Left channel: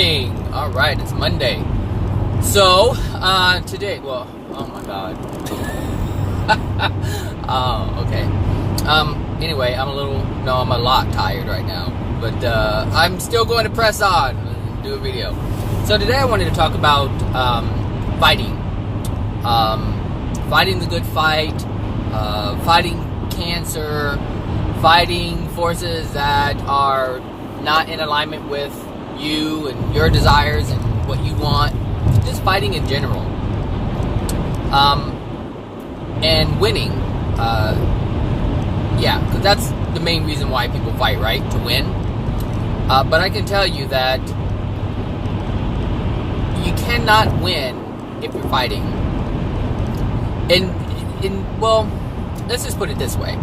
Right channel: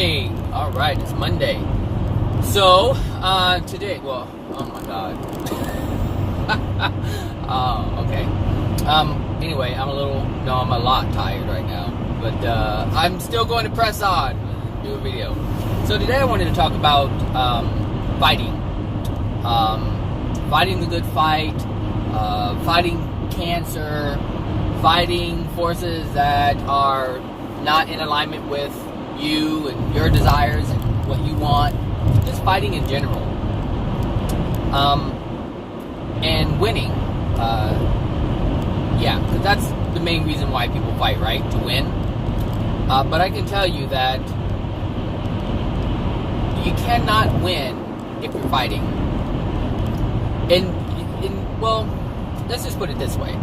morning. All right, it's Monday. So, today, well, oh my God. Oh, okay. Anyway, I'm a lot tired right now. But, I'm still going to press on, do a video. So today I wanted to talk about, fighting. Fighting the good fight, fighting cancer, fighting forces that are not in alignment with you and your desires and what you want, just fighting in general, and winning, because that's the main reason why people fight, right? To win. But I can tell you that you cannot win if you're fighting. Well, let's just put it this way.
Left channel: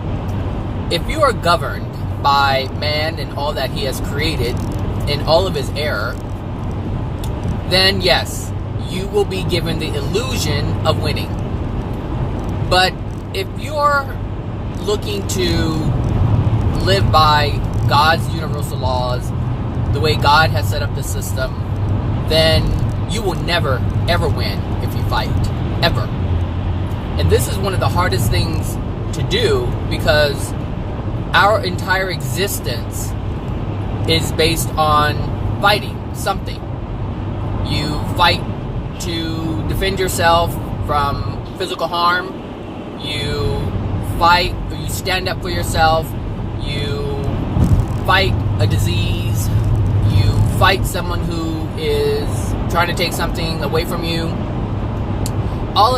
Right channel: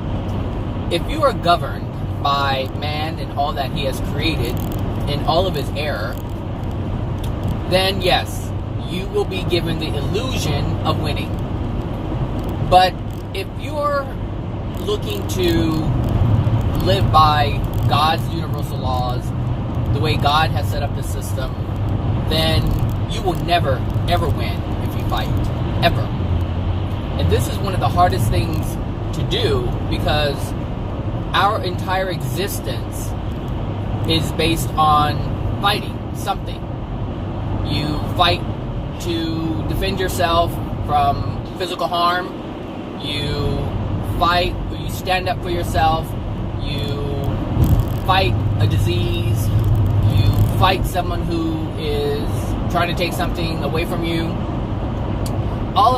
If you are governed by man and all that he has created in all of his error, then yes, you will be given the illusion of winning. But if you're looking to live by God's universal laws, the way God has set up the system, then you will never, ever win if you fight. Ever. And this is one of the hardest things to do because our entire existence is based on fighting something. You fight to defend yourself from physical harm. You fight, or you stand up for yourself. You fight a disease. You fight someone who is trying to take something away from you. All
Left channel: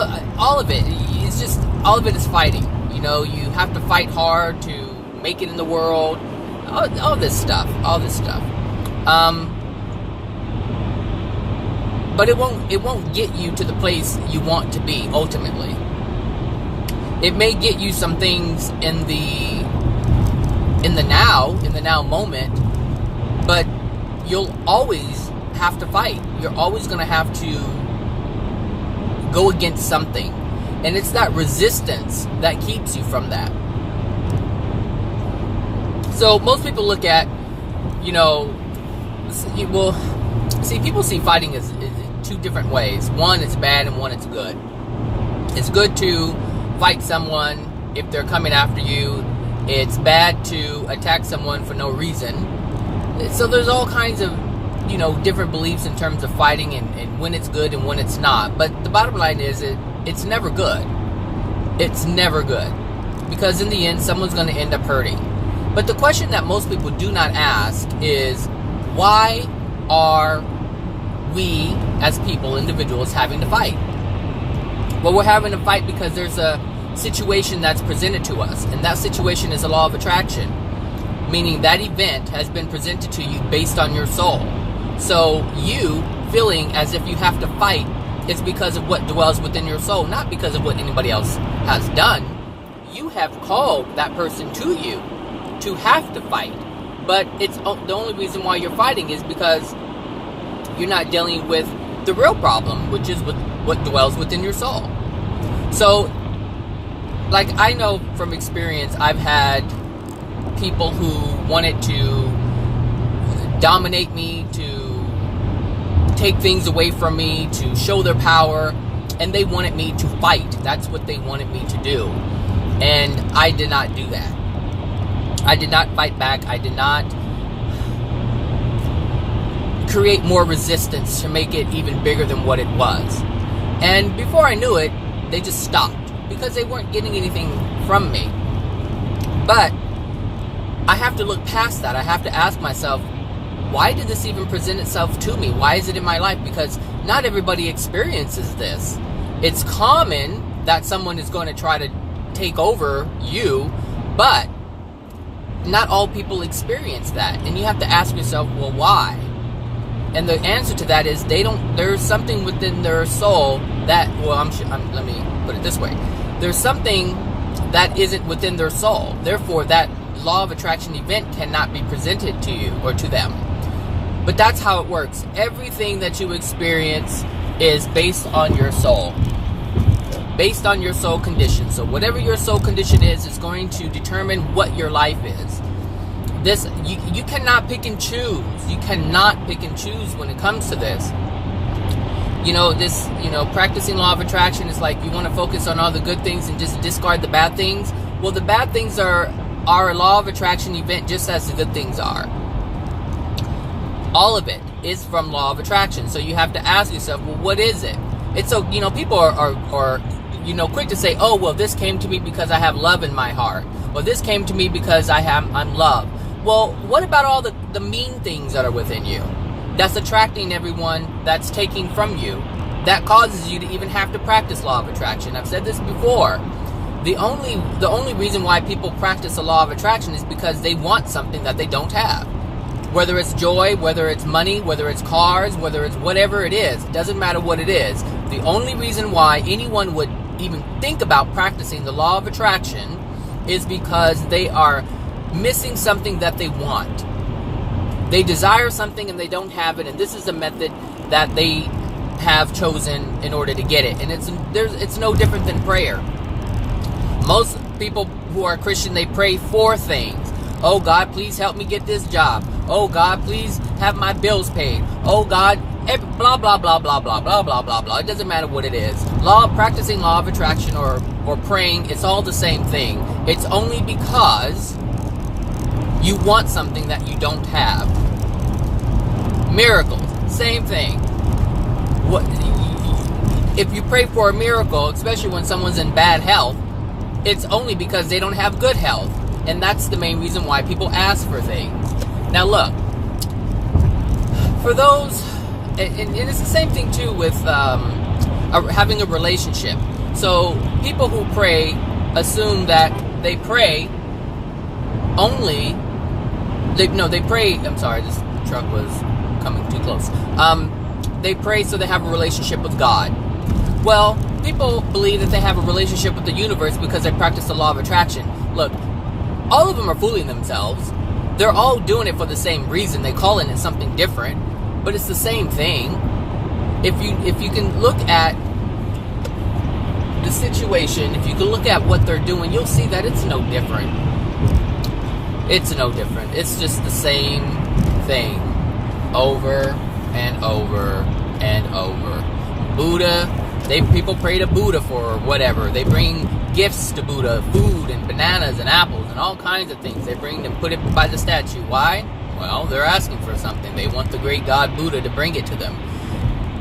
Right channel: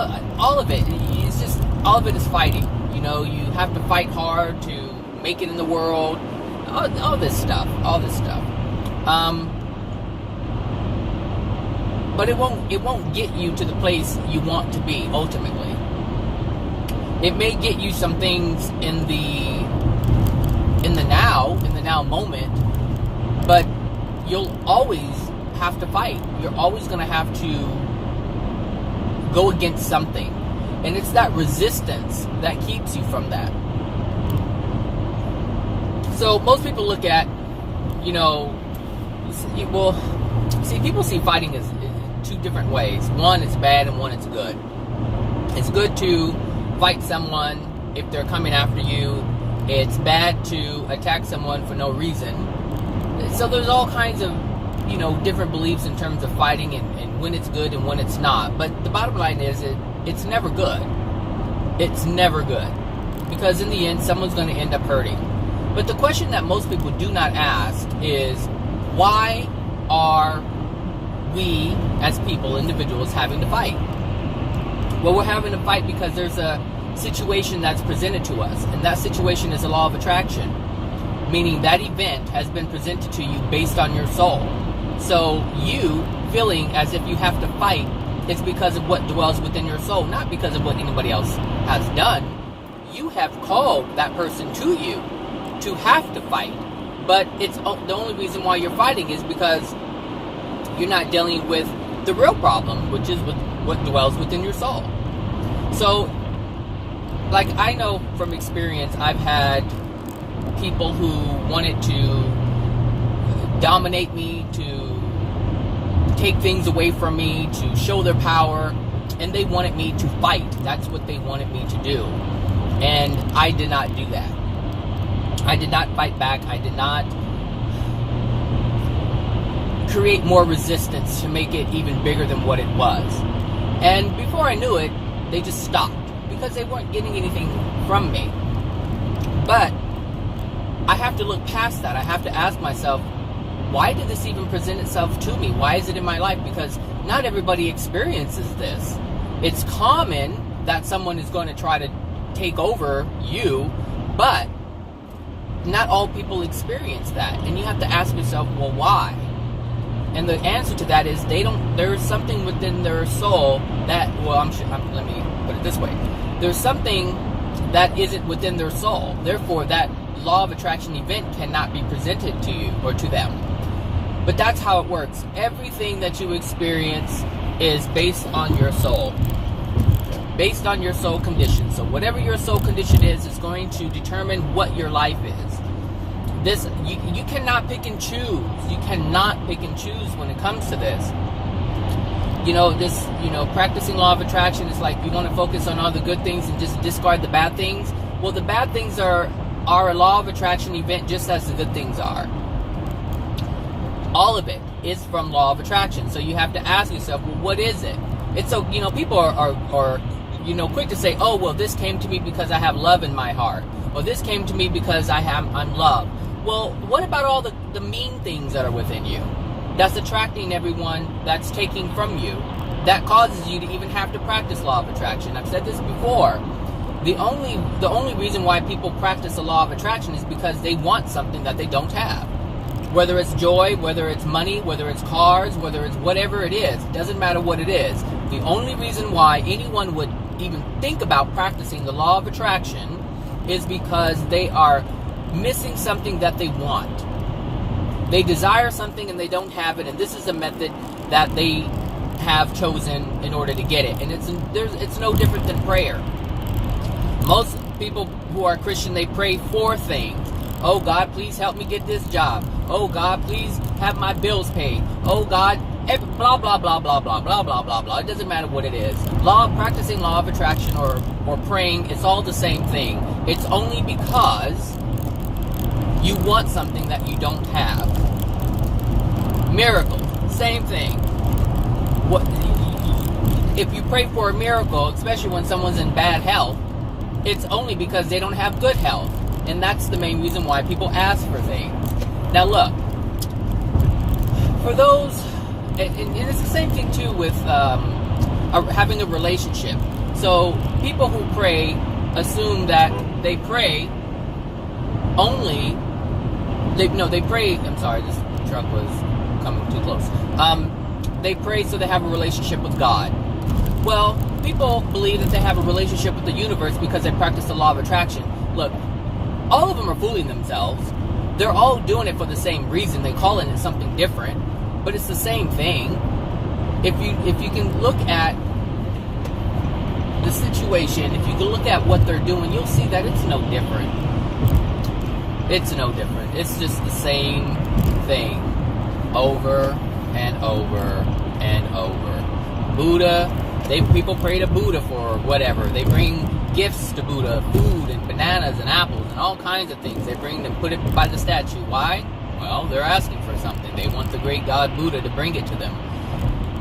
of it is fighting. You know, you have to fight hard to make it in the world, all this stuff. But it won't get you to the place you want to be ultimately. It may get you some things in the now moment, but you'll always have to fight. You're always going to have to go against something, and it's that resistance that keeps you from that. So most people look at, people see fighting as two different ways. One, it's bad, and one, it's good. It's good to fight someone if they're coming after you. It's bad to attack someone for no reason. So there's all kinds of, different beliefs in terms of fighting and when it's good and when it's not. But the bottom line is it's never good. It's never good. Because in the end, someone's going to end up hurting. But the question that most people do not ask is, why are we, as people, individuals, having to fight? Well, we're having to fight because there's a situation that's presented to us, and that situation is the law of attraction, meaning that event has been presented to you based on your soul. So you feeling as if you have to fight is because of what dwells within your soul, not because of what anybody else has done. You have called that person to you to have to fight, but it's the only reason why you're fighting is because you're not dealing with the real problem, which is with what dwells within your soul. So, like, I know from experience, I've had people who wanted to dominate me, to take things away from me, to show their power, and they wanted me to fight. That's what they wanted me to do, and I did not do that. I did not fight back. I did not create more resistance to make it even bigger than what it was. And before I knew it, they just stopped because they weren't getting anything from me. But I have to look past that. I have to ask myself, why did this even present itself to me? Why is it in my life? Because not everybody experiences this. It's common that someone is going to try to take over you, but not all people experience that, and you have to ask yourself, well, why? And the answer to that is there's something within their soul that, let me put it this way. There's something that isn't within their soul. Therefore, that law of attraction event cannot be presented to you or to them. But that's how it works. Everything that you experience is based on your soul. Based on your soul condition. So whatever your soul condition is going to determine what your life is. you cannot pick and choose. You cannot pick and choose when it comes to this. Practicing law of attraction is like you want to focus on all the good things and just discard the bad things. Well, the bad things are a law of attraction event just as the good things are. All of it is from law of attraction. So you have to ask yourself, well, what is it? It's so, people are quick to say, oh, well, this came to me because I have love in my heart. Or this came to me because I'm loved. Well, what about all the mean things that are within you? That's attracting everyone that's taking from you. That causes you to even have to practice law of attraction. I've said this before. The only reason why people practice the law of attraction is because they want something that they don't have. Whether it's joy, whether it's money, whether it's cars, whether it's whatever it is. It doesn't matter what it is. The only reason why anyone would even think about practicing the law of attraction is because they are missing something that they want. They desire something and they don't have it, and this is the method that they have chosen in order to get it. And it's no different than prayer. Most people who are Christian, they pray for things. Oh God, please help me get this job. Oh God, please have my bills paid. Oh God, blah blah blah blah blah blah blah blah blah. It doesn't matter what it is. Practicing law of attraction or praying, it's all the same thing. It's only because you want something that you don't have. Miracles, same thing. If you pray for a miracle, especially when someone's in bad health, it's only because they don't have good health. And that's the main reason why people ask for things. Now look, for those, and it's the same thing too with having a relationship. So people who pray assume that they pray only, they pray, I'm sorry, this truck was coming too close. They pray so they have a relationship with God. Well, people believe that they have a relationship with the universe because they practice the law of attraction. Look, all of them are fooling themselves. They're all doing it for the same reason. They call it something different, but it's the same thing. If you can look at the situation, if you can look at what they're doing, you'll see that it's no different. It's no different. It's just the same thing over and over and over. Buddha, people pray to Buddha for whatever. They bring gifts to Buddha, food and bananas and apples and all kinds of things. They bring them, put it by the statue. Why? Well, they're asking for something. They want the great God Buddha to bring it to them.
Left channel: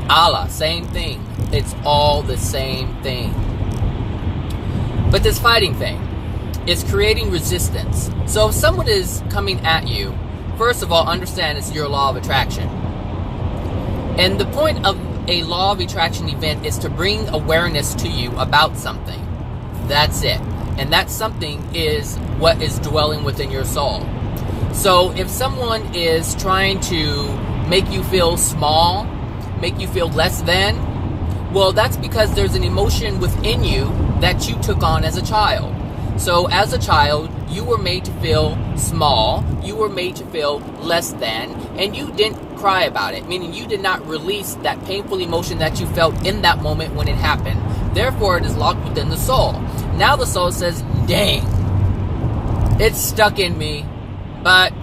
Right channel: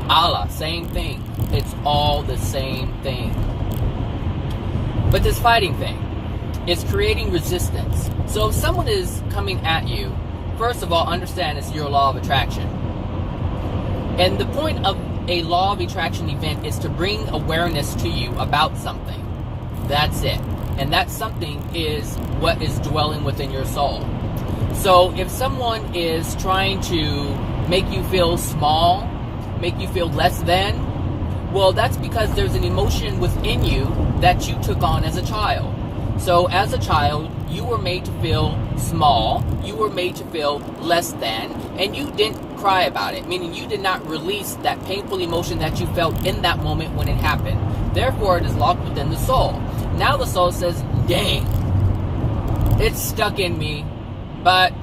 Allah, same thing. It's all the same thing. But this fighting thing is creating resistance. So if someone is coming at you, first of all, understand it's your law of attraction. And the point of a law of attraction event is to bring awareness to you about something. That's it. And that something is what is dwelling within your soul. So if someone is trying to make you feel small, make you feel less than, well, that's because there's an emotion within you that you took on as a child. So as a child, you were made to feel small, you were made to feel less than, and you didn't cry about it, meaning you did not release that painful emotion that you felt in that moment when it happened. Therefore, it is locked within the soul. Now the soul says, dang, it's stuck in me, but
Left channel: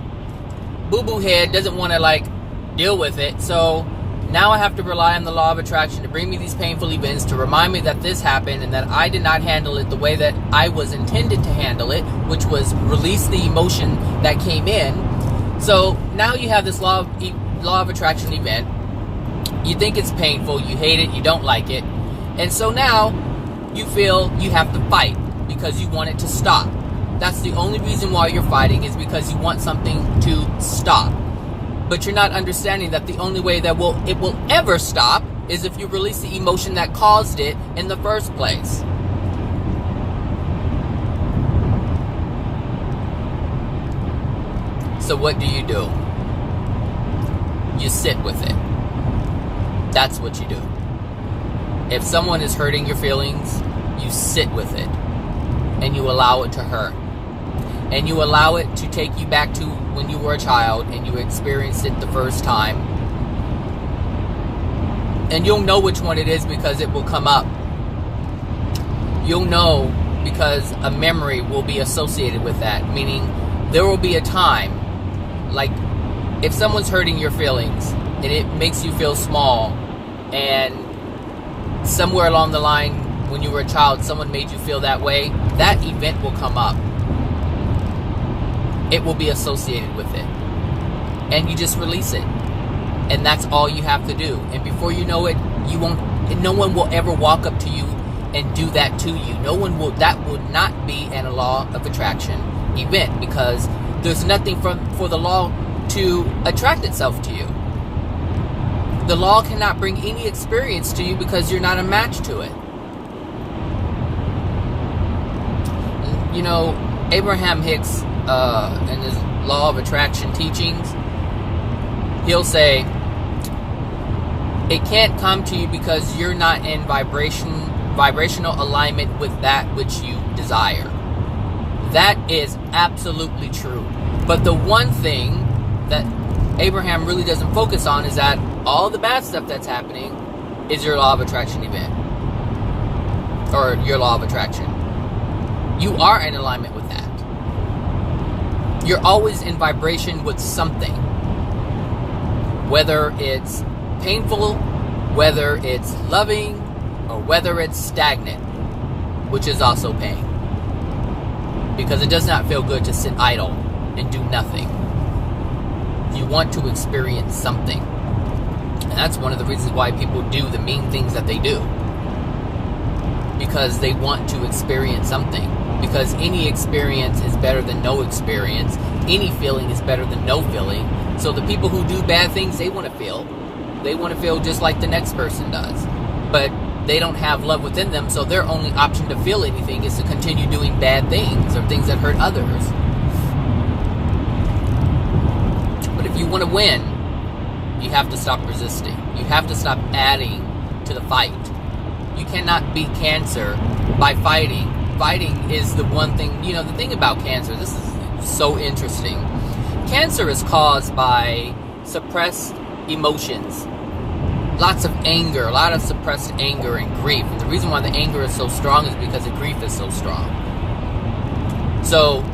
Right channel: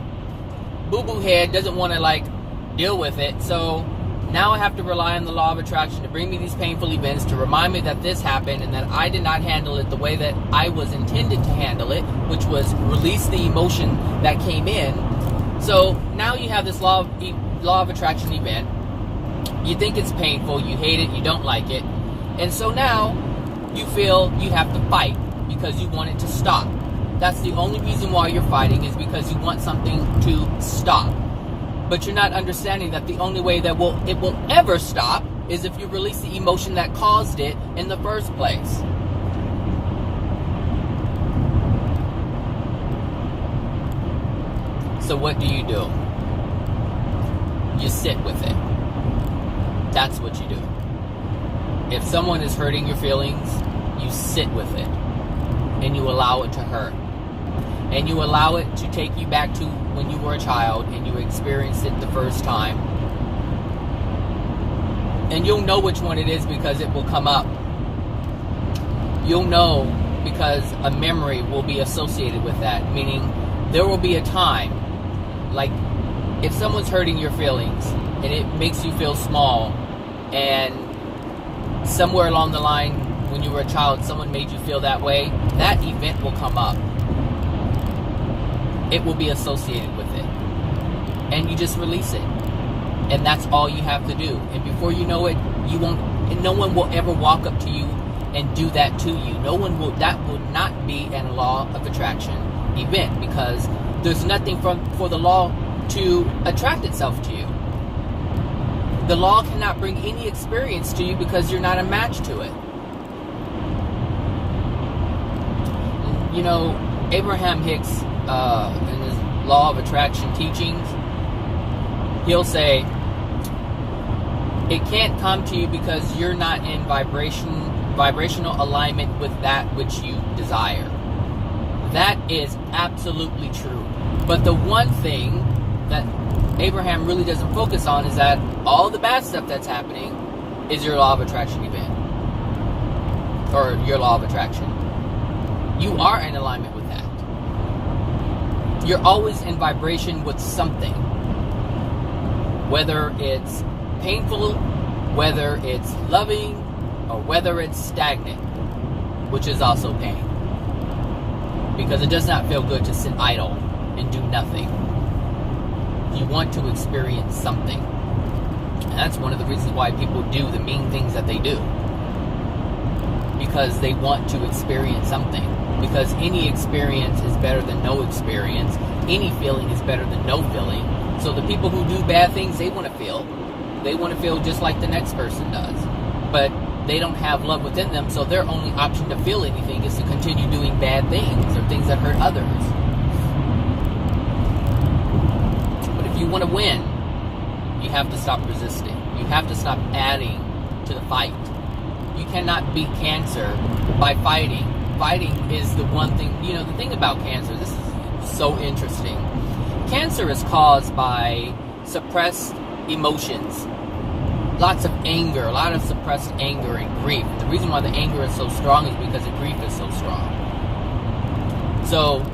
boo-boo head doesn't want to deal with it, so now I have to rely on the law of attraction to bring me these painful events, to remind me that this happened and that I did not handle it the way that I was intended to handle it, which was release the emotion that came in. So now you have this law of attraction event. You think it's painful, you hate it, you don't like it, and so now you feel you have to fight because you want it to stop. That's the only reason why you're fighting, is because you want something to stop. But you're not understanding that the only way that it will ever stop is if you release the emotion that caused it in the first place. So what do? You sit with it. That's what you do. If someone is hurting your feelings, you sit with it and you allow it to hurt. And you allow it to take you back to when you were a child and you experienced it the first time. And you'll know which one it is because it will come up. You'll know because a memory will be associated with that. Meaning there will be a time Like, if someone's hurting your feelings and it makes you feel small, and somewhere along the line when you were a child someone made you feel that way, that event will come up. It will be associated with it. And you just release it. And that's all you have to do. And before you know it, no one will ever walk up to you and do that to you. That will not be a law of attraction event, because there's nothing for the law to attract itself to you. The law cannot bring any experience to you because you're not a match to it. You know, Abraham Hicks, in his law of attraction teachings, he'll say, it can't come to you because you're not in vibrational alignment with that which you desire. That is absolutely true. But the one thing that Abraham really doesn't focus on is that all the bad stuff that's happening is your law of attraction event. Or your law of attraction. You are in alignment with that. You're always in vibration with something. Whether it's painful, whether it's loving, or whether it's stagnant, which is also pain. Because it does not feel good to sit idle and do nothing. You want to experience something. And that's one of the reasons why people do the mean things that they do. Because they want to experience something. Because any experience is better than no experience. Any feeling is better than no feeling. So the people who do bad things, they want to feel. They want to feel just like the next person does. But they don't have love within them, so their only option to feel anything is to continue doing bad things or things that hurt others. But if you want to win, you have to stop resisting. You have to stop adding to the fight. You cannot beat cancer by fighting. Fighting is the one thing, you know, the thing about cancer, this is so interesting. Cancer is caused by suppressed emotions. Lots of anger, a lot of suppressed anger and grief. And the reason why the anger is so strong is because the grief is so strong. So,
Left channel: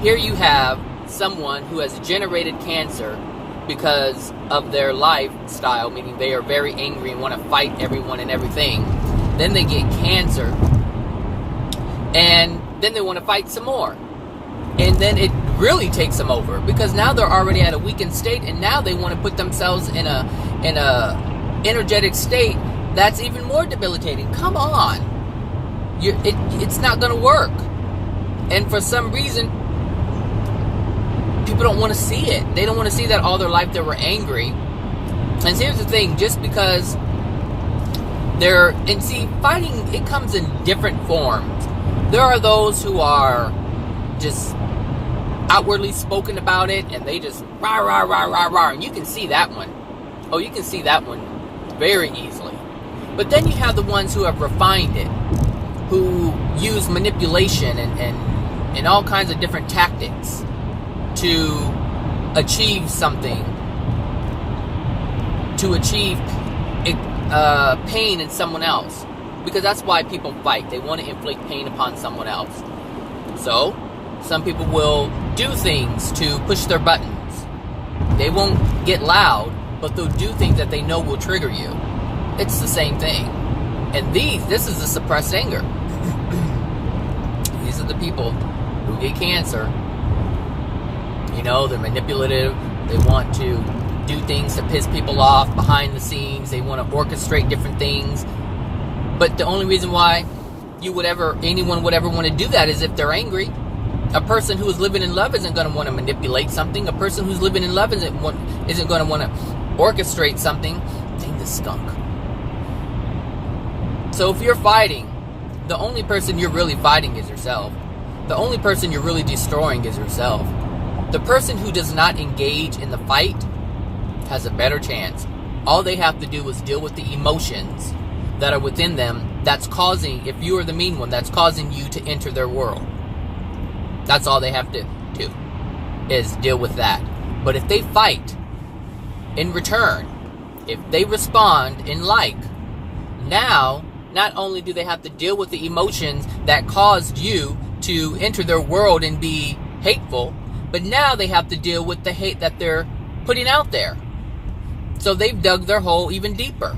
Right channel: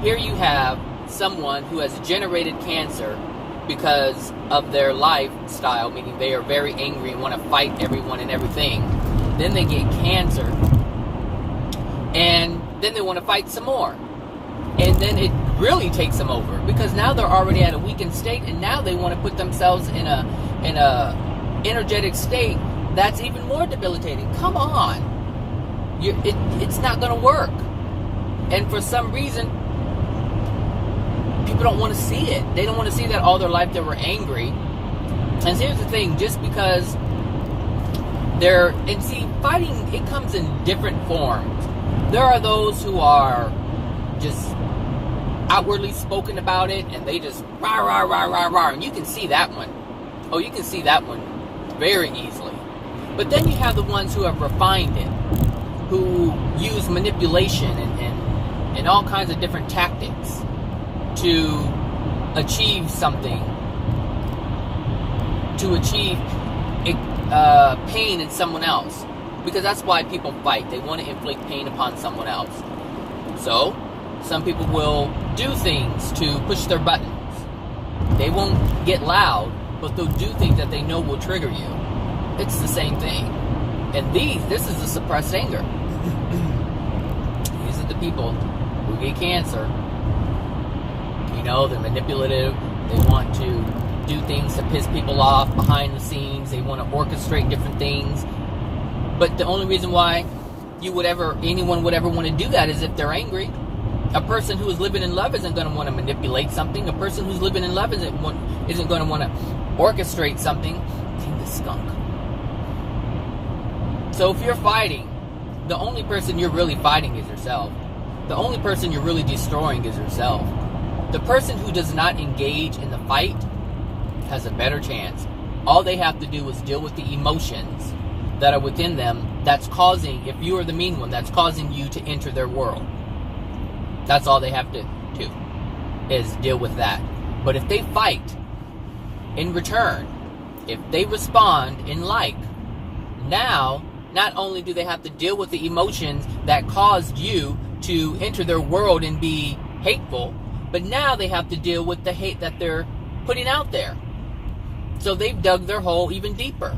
here you have someone who has generated cancer because of their lifestyle, meaning they are very angry and want to fight everyone and everything. Then they get cancer, and then they want to fight some more. And then it really takes them over, because now they're already at a weakened state, and now they want to put themselves in a energetic state that's even more debilitating. Come on. It's not going to work. And for some reason, people don't want to see it. They don't want to see that all their life they were angry. And here's the thing, just because fighting, it comes in different forms. There are those who are just outwardly spoken about it, and they just rah, rah, rah, rah, rah. And you can see that one. Oh, you can see that one very easily. But then you have the ones who have refined it, who use manipulation and all kinds of different tactics to achieve something, to achieve pain in someone else. Because that's why people fight. They want to inflict pain upon someone else. So, some people will do things to push their buttons. They won't get loud, but they'll do things that they know will trigger you. It's the same thing. And this is the suppressed anger. These are the people who get cancer. You know, they're manipulative. They want to do things to piss people off behind the scenes. They want to orchestrate different things. But the only reason why anyone would ever want to do that is if they're angry. A person who is living in love isn't going to want to manipulate something. A person who's living in love isn't going to want to orchestrate something. Dang the skunk. So if you're fighting, the only person you're really fighting is yourself. The only person you're really destroying is yourself. The person who does not engage in the fight has a better chance. All they have to do is deal with the emotions that are within them that's causing, if you are the mean one, that's causing you to enter their world. That's all they have to do, is deal with that. But if they fight in return, if they respond in like, now, not only do they have to deal with the emotions that caused you to enter their world and be hateful, But now they have to deal with the hate that they're putting out there. So they've dug their hole even deeper.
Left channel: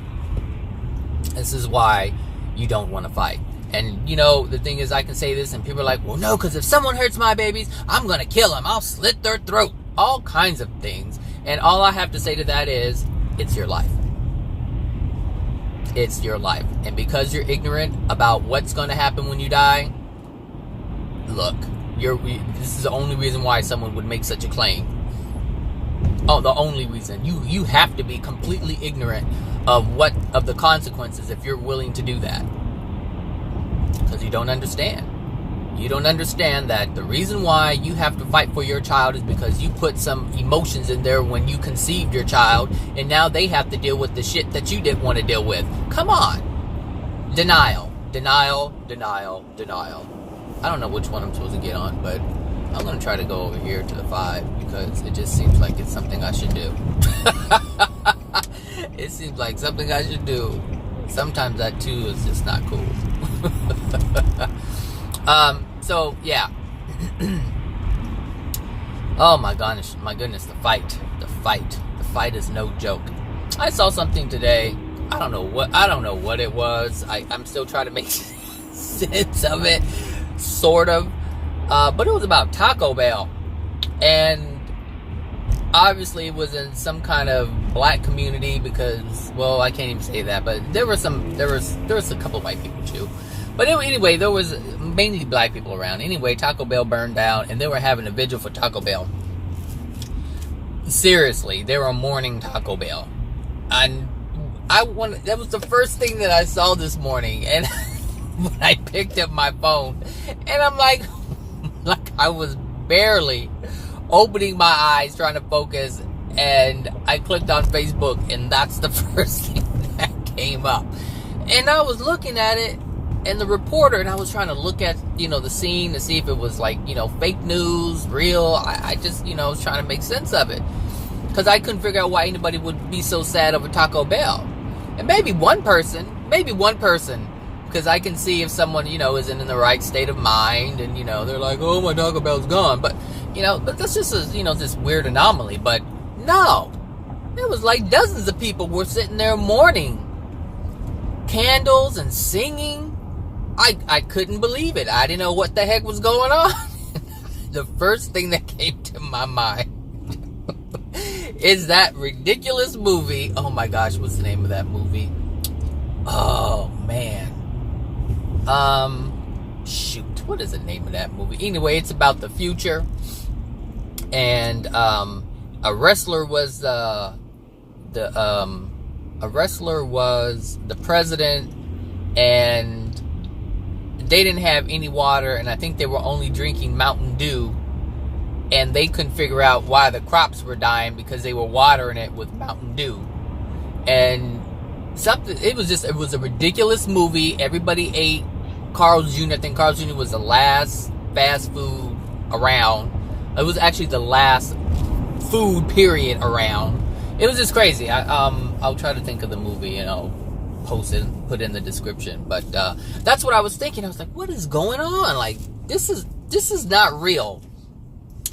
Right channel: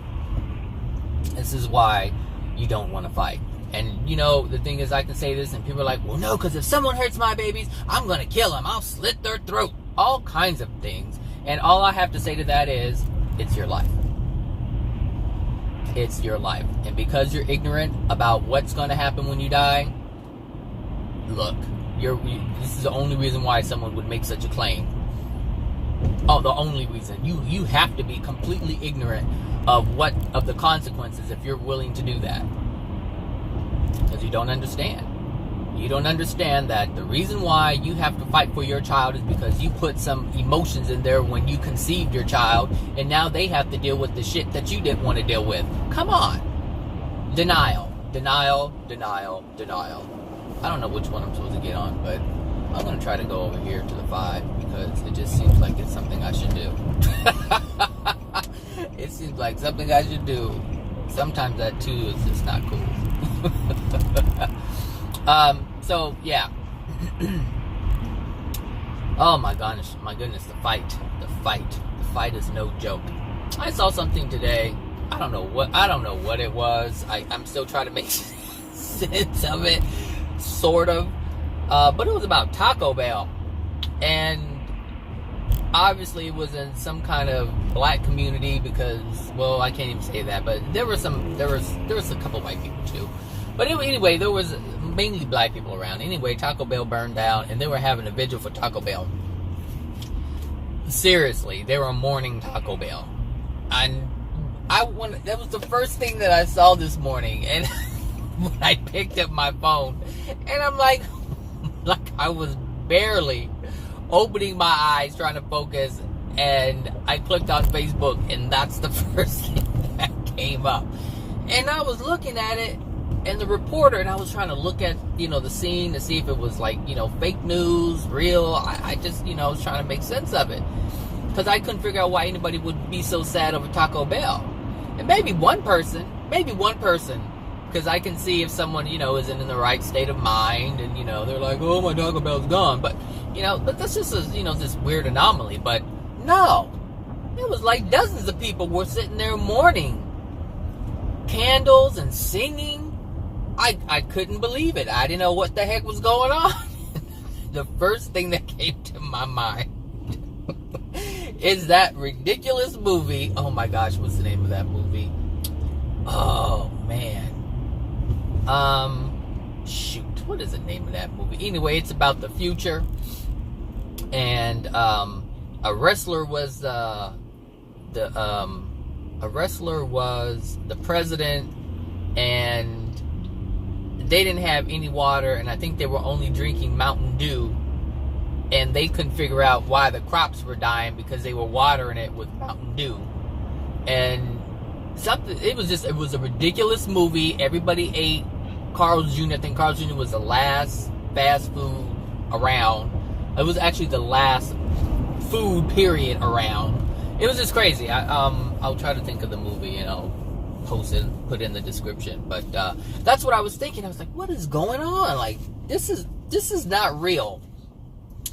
This is why you don't want to fight. And, you know, the thing is, I can say this, and people are like, well, no, because if someone hurts my babies, I'm going to kill them. I'll slit their throat. All kinds of things. And all I have to say to that is, it's your life. It's your life. And because you're ignorant about what's going to happen when you die, look, this is the only reason why someone would make such a claim. Oh, the only reason. You have to be completely ignorant of the consequences if you're willing to do that. Because you don't understand. You don't understand that the reason why you have to fight for your child is because you put some emotions in there when you conceived your child, and now they have to deal with the shit that you didn't want to deal with. Come on. Denial. Denial. Denial. Denial. I don't know which one I'm supposed to get on, but I'm going to try to go over here to the 5 because it just seems like it's something I should do. It seems like something I should do. Sometimes that 2 is just not cool. So yeah. Oh my goodness, the fight is no joke. I saw something today. I don't know what it was. I'm still trying to make sense of it, sort of. But it was about Taco Bell, and obviously it was in some kind of black community because, well, I can't even say that, but there was a couple of white people too. But anyway, there was mainly black people around. Anyway, Taco Bell burned down, and they were having a vigil for Taco Bell. Seriously, they were mourning Taco Bell. And that was the first thing that I saw this morning. And when I picked up my phone, and I'm like I was barely opening my eyes, trying to focus, and I clicked on Facebook, and that's the first thing that came up. And I was looking at it, and the reporter, and I was trying to look at, the scene to see if it was like, fake news, real. I just, was trying to make sense of it. Because I couldn't figure out why anybody would be so sad over Taco Bell. And maybe one person, because I can see if someone, isn't in the right state of mind, and, they're like, oh, my Taco Bell's gone. But, but that's just, this weird anomaly. But no, it was like dozens of people were sitting there mourning. Candles and singing. I couldn't believe it. I didn't know what the heck was going on. The first thing that came to my mind is that ridiculous movie. Oh my gosh, what's the name of that movie? Oh man. Shoot, what is the name of that movie? Anyway, it's about the future. And a wrestler was the president, and they didn't have any water, and I think they were only drinking Mountain Dew, and they couldn't figure out why the crops were dying because they were watering it with Mountain Dew. And it was a ridiculous movie. Everybody ate. Carl's Jr., I think Carl's Jr. was the last fast food around. It was actually the last food period around. It was just crazy. I'll try to think of the movie, post it, put it in the description. But that's what I was thinking. I was like, what is going on? Like, this is not real.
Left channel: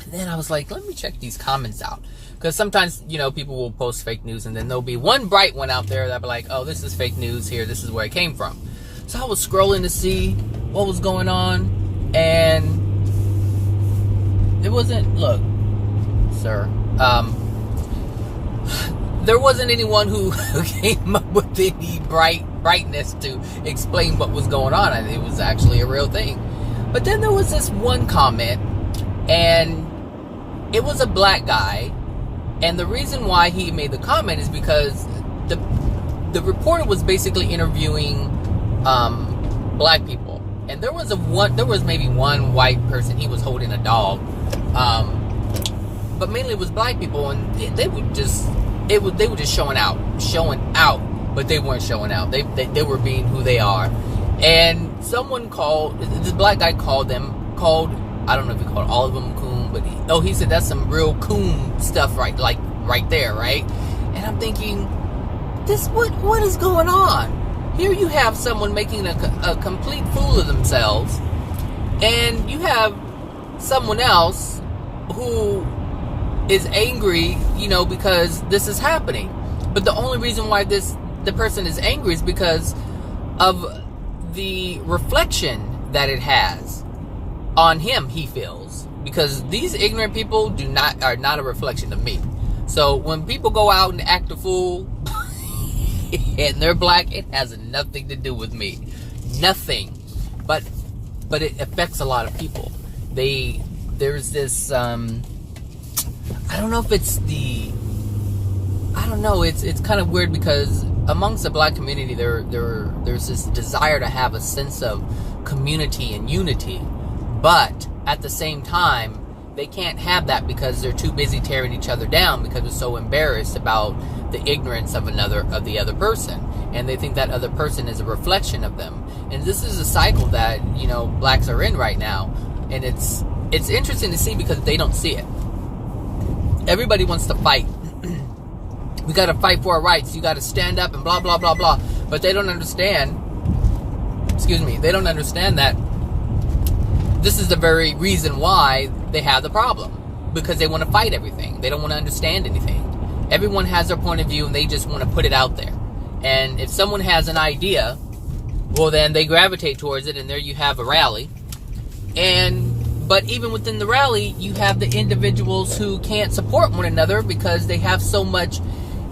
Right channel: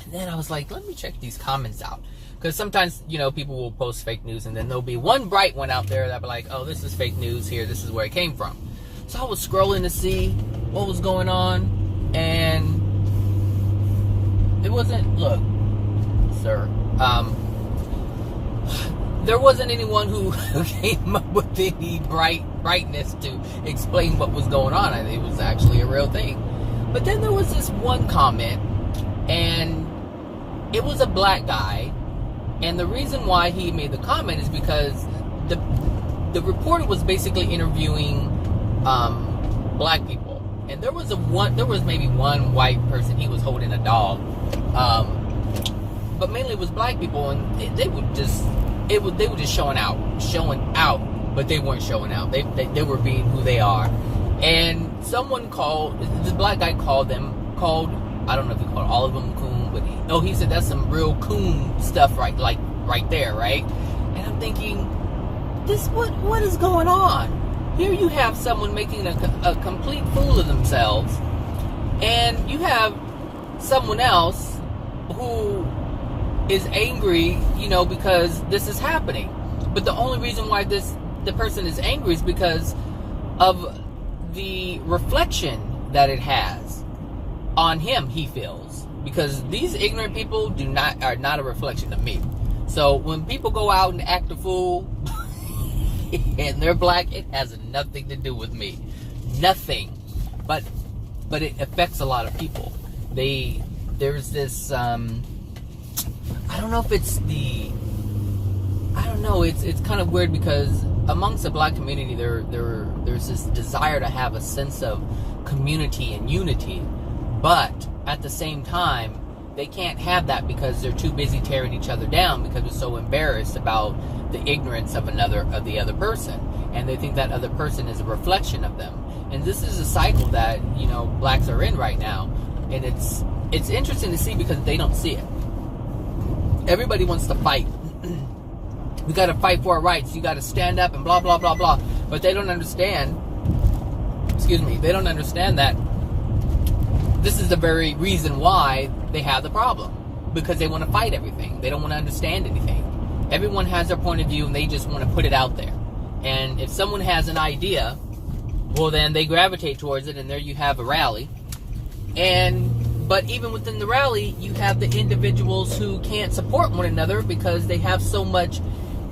And then I was like, let me check these comments out. Because sometimes, people will post fake news, and then there'll be one bright one out there that'll be like, oh, this is fake news here. This is where it came from. So I was scrolling to see what was going on, and it wasn't, look, sir, there wasn't anyone who came up with any brightness to explain what was going on. It was actually a real thing. But then there was this one comment, and it was a black guy, and the reason why he made the comment is because the reporter was basically interviewing black people, and there was maybe one white person. He was holding a dog, but mainly it was black people, and they were just showing out, but they weren't showing out. They were being who they are. And someone this black guy called, I don't know if he called all of them coon, but he said that's some real coon stuff, right there, right? And I'm thinking, what is going on? Here you have someone making a complete fool of themselves, and you have someone else who is angry, because this is happening. But the only reason why the person is angry is because of the reflection that it has on him, he feels. Because these ignorant people are not a reflection of me. So when people go out and act a fool and they're black, it has nothing to do with me. Nothing. But it affects a lot of people. There's this I don't know if it's it's kind of weird, because amongst the black community there's this desire to have a sense of community and unity, but at the same time they can't have that because they're too busy tearing each other down, because they're so embarrassed about the ignorance of the other person, and they think that other person is a reflection of them. And this is a cycle that blacks are in right now, and it's interesting to see because they don't see it. Everybody wants to fight. We got to fight for our rights. You got to stand up and blah blah blah blah. But they don't understand. They don't understand that this is the very reason why they have the problem, because they want to fight everything. They don't want to understand anything. Everyone has their point of view and they just want to put it out there. And if someone has an idea, well, then they gravitate towards it, and there you have a rally. But even within the rally, you have the individuals who can't support one another because they have so much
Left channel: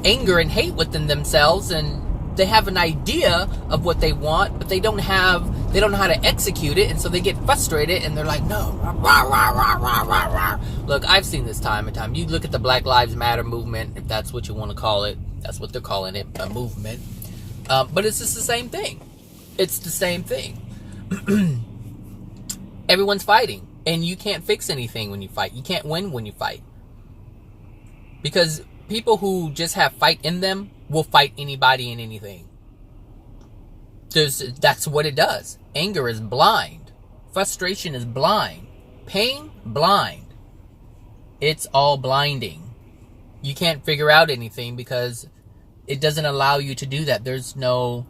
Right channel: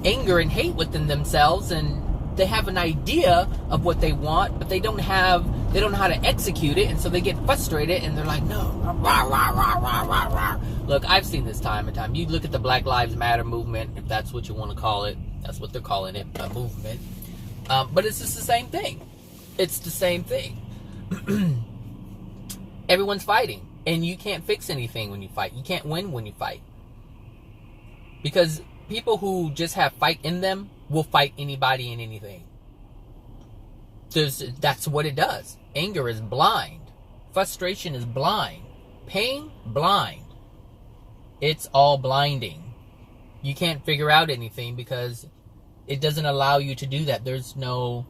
anger and hate within themselves, and they have an idea of what they want, but they don't know how to execute it, and so they get frustrated, and they're like, no. Look, I've seen this time and time. You look at the Black Lives Matter movement, if that's what you want to call it. That's what they're calling it, a movement. But it's just the same thing. It's the same thing. Everyone's fighting, and you can't fix anything when you fight. You can't win when you fight. Because people who just have fight in them will fight anybody and anything. That's what it does. Anger is blind. Frustration is blind. Pain, blind. It's all blinding. You can't figure out anything because it doesn't allow you to do that. There's no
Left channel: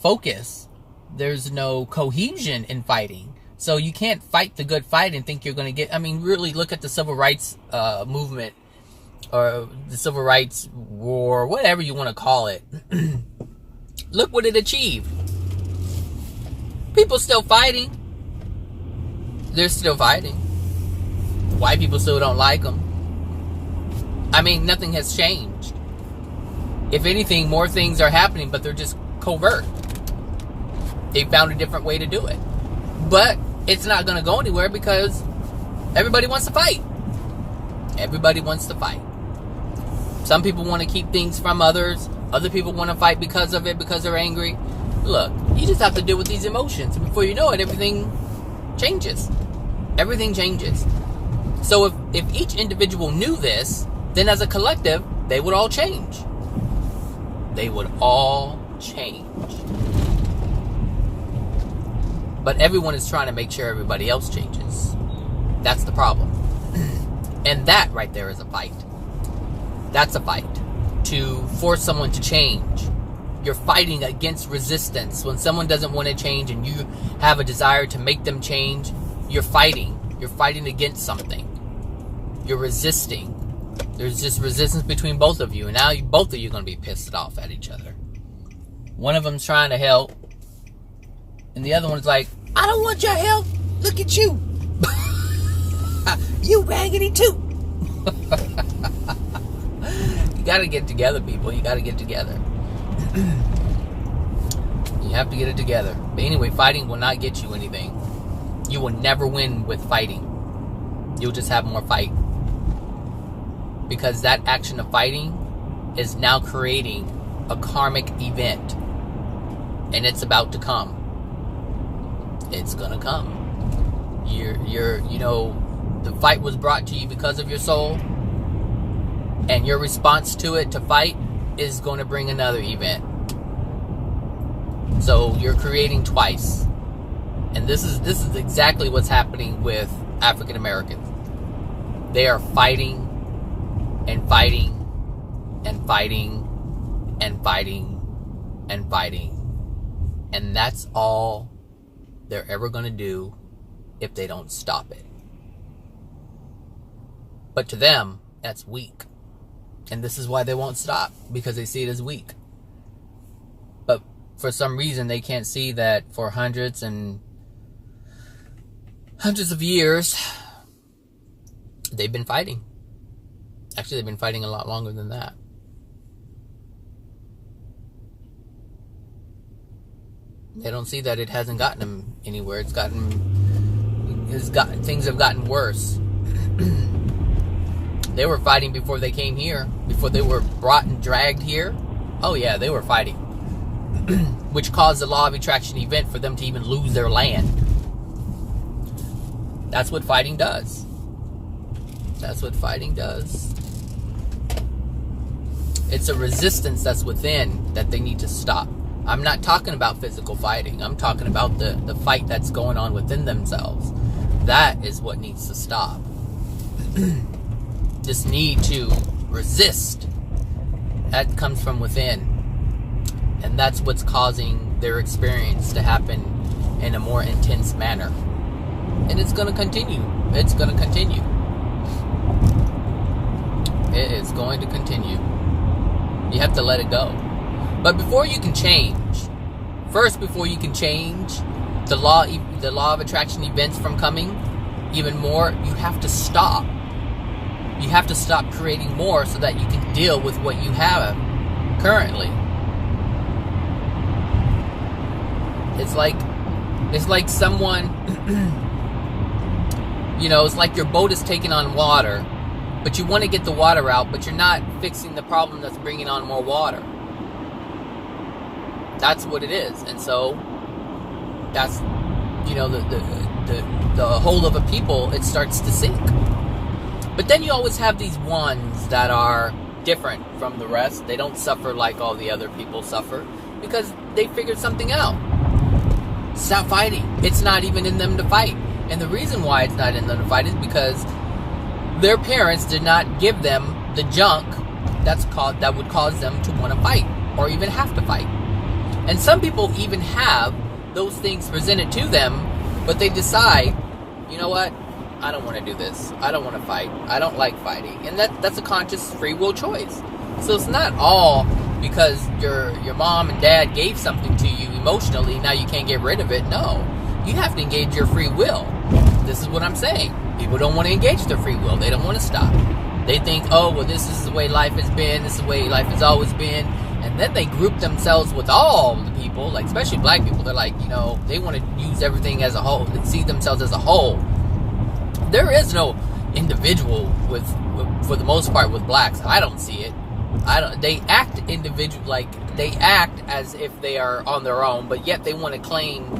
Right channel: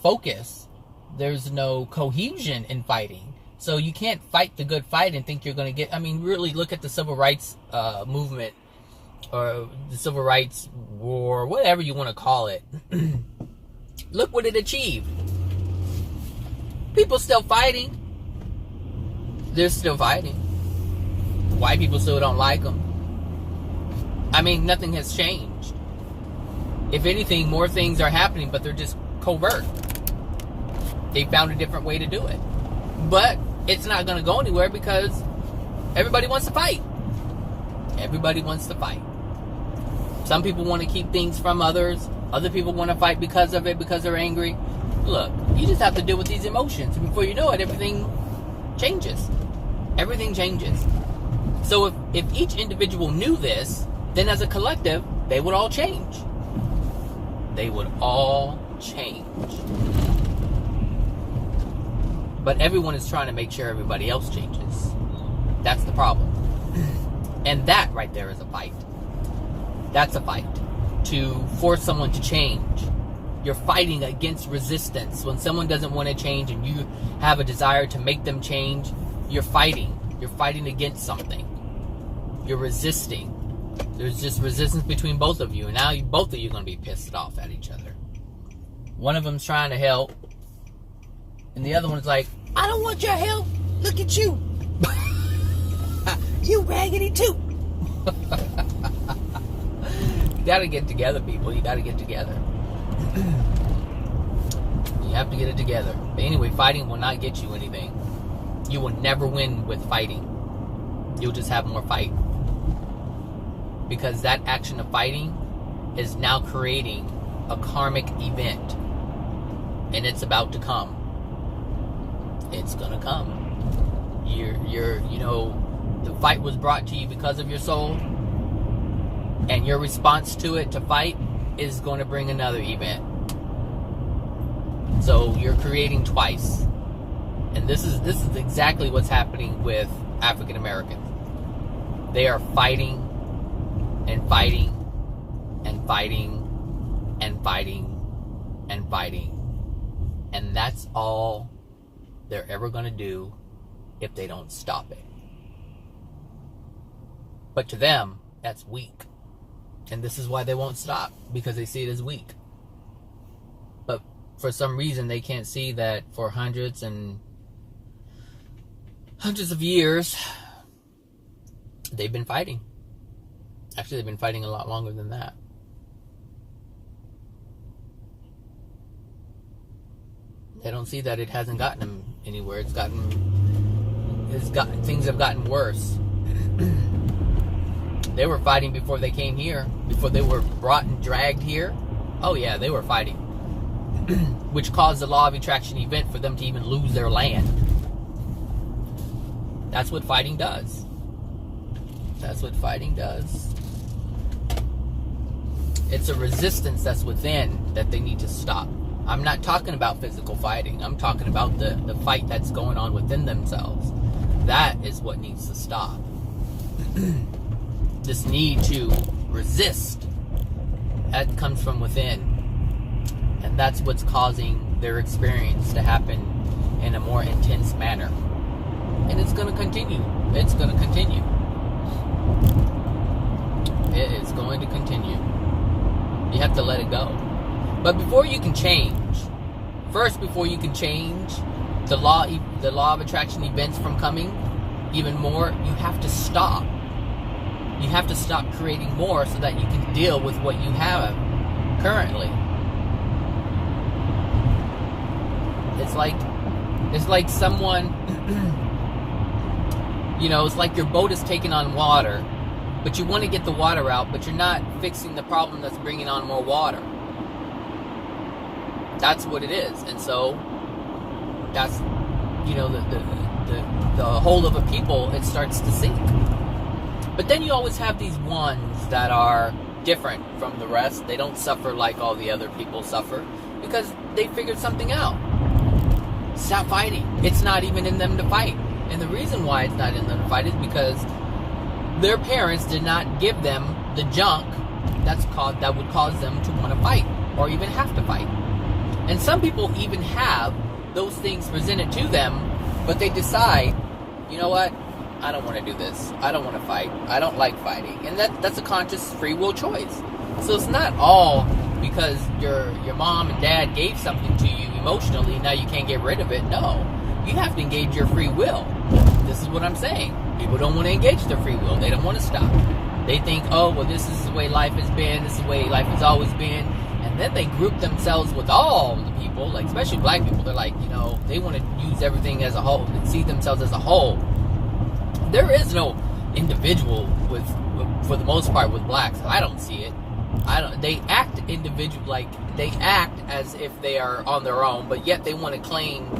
focus. There's no cohesion in fighting. So you can't fight the good fight and think you're going to get... really look at the civil rights movement, or the civil rights war, whatever you want to call it. Look what it achieved. People still fighting. They're still fighting. White people still don't like them. Nothing has changed. If anything, more things are happening, but they're just covert. They found a different way to do it. But it's not going to go anywhere because everybody wants to fight. Everybody wants to fight. Some people want to keep things from others. Other people want to fight because of it, because they're angry. Look, you just have to deal with these emotions. And before you know it, everything changes. Everything changes. So if each individual knew this, then as a collective, they would all change. They would all change. But everyone is trying to make sure everybody else changes. That's the problem. And that right there is a fight. That's a fight. To force someone to change. You're fighting against resistance. When someone doesn't want to change and you have a desire to make them change, you're fighting. You're fighting against something. You're resisting. There's just resistance between both of you. And now both of you are going to be pissed off at each other. One of them's trying to help. And the other one's like, I don't want your help. Look at you. You raggedy too. You got to get together, people. You got to get together. You have to get it together. But anyway, fighting will not get you anything. You will never win with fighting. You'll just have more fight. Because that action of fighting is now creating a karmic event. And it's about to come. It's gonna come. The fight was brought to you because of your soul, and your response to it, to fight, is going to bring another event. So you're creating twice. And this is exactly what's happening with African Americans. They are fighting and fighting and fighting and fighting and fighting. And that's all they're ever going to do if they don't stop it. But to them, that's weak. And this is why they won't stop, because they see it as weak. But for some reason, they can't see that for hundreds and hundreds of years, they've been fighting. Actually, they've been fighting a lot longer than that. They don't see that it hasn't gotten them anywhere. Things have gotten worse. They were fighting before they came here, before they were brought and dragged here. Oh yeah, they were fighting. Which caused the law of attraction event for them to even lose their land. That's what fighting does. That's what fighting does. It's a resistance that's within that they need to stop. I'm not talking about physical fighting. I'm talking about the fight that's going on within themselves. That is what needs to stop. This need to resist, that comes from within. And that's what's causing their experience to happen in a more intense manner. And it's going to continue. It's going to continue. It is going to continue. You have to let it go. But before you can change, before you can change the law of attraction events from coming even more, you have to stop. You have to stop creating more so that you can deal with what you have currently. It's like someone, it's like your boat is taking on water, but you want to get the water out, but you're not fixing the problem that's bringing on more water. That's what it is. And so that's, the whole of a people, it starts to sink. But then you always have these ones that are different from the rest. They don't suffer like all the other people suffer because they figured something out. Stop fighting. It's not even in them to fight. And the reason why it's not in them to fight is because their parents did not give them the junk that would cause them to want to fight or even have to fight. And some people even have those things presented to them, but they decide, you know what? I don't want to do this. I don't want to fight. I don't like fighting. And that's a conscious free will choice. So it's not all because your mom and dad gave something to you emotionally, now you can't get rid of it. No. You have to engage your free will. This is what I'm saying. People don't want to engage their free will. They don't want to stop. They think, oh, well, this is the way life has been. This is the way life has always been. And then they group themselves with all the people, like especially black people. They're like, they want to use everything as a whole. They see themselves as a whole. There is no individual for the most part with blacks. I don't see it. They act individual, like they act as if they are on their own, but yet they want to claim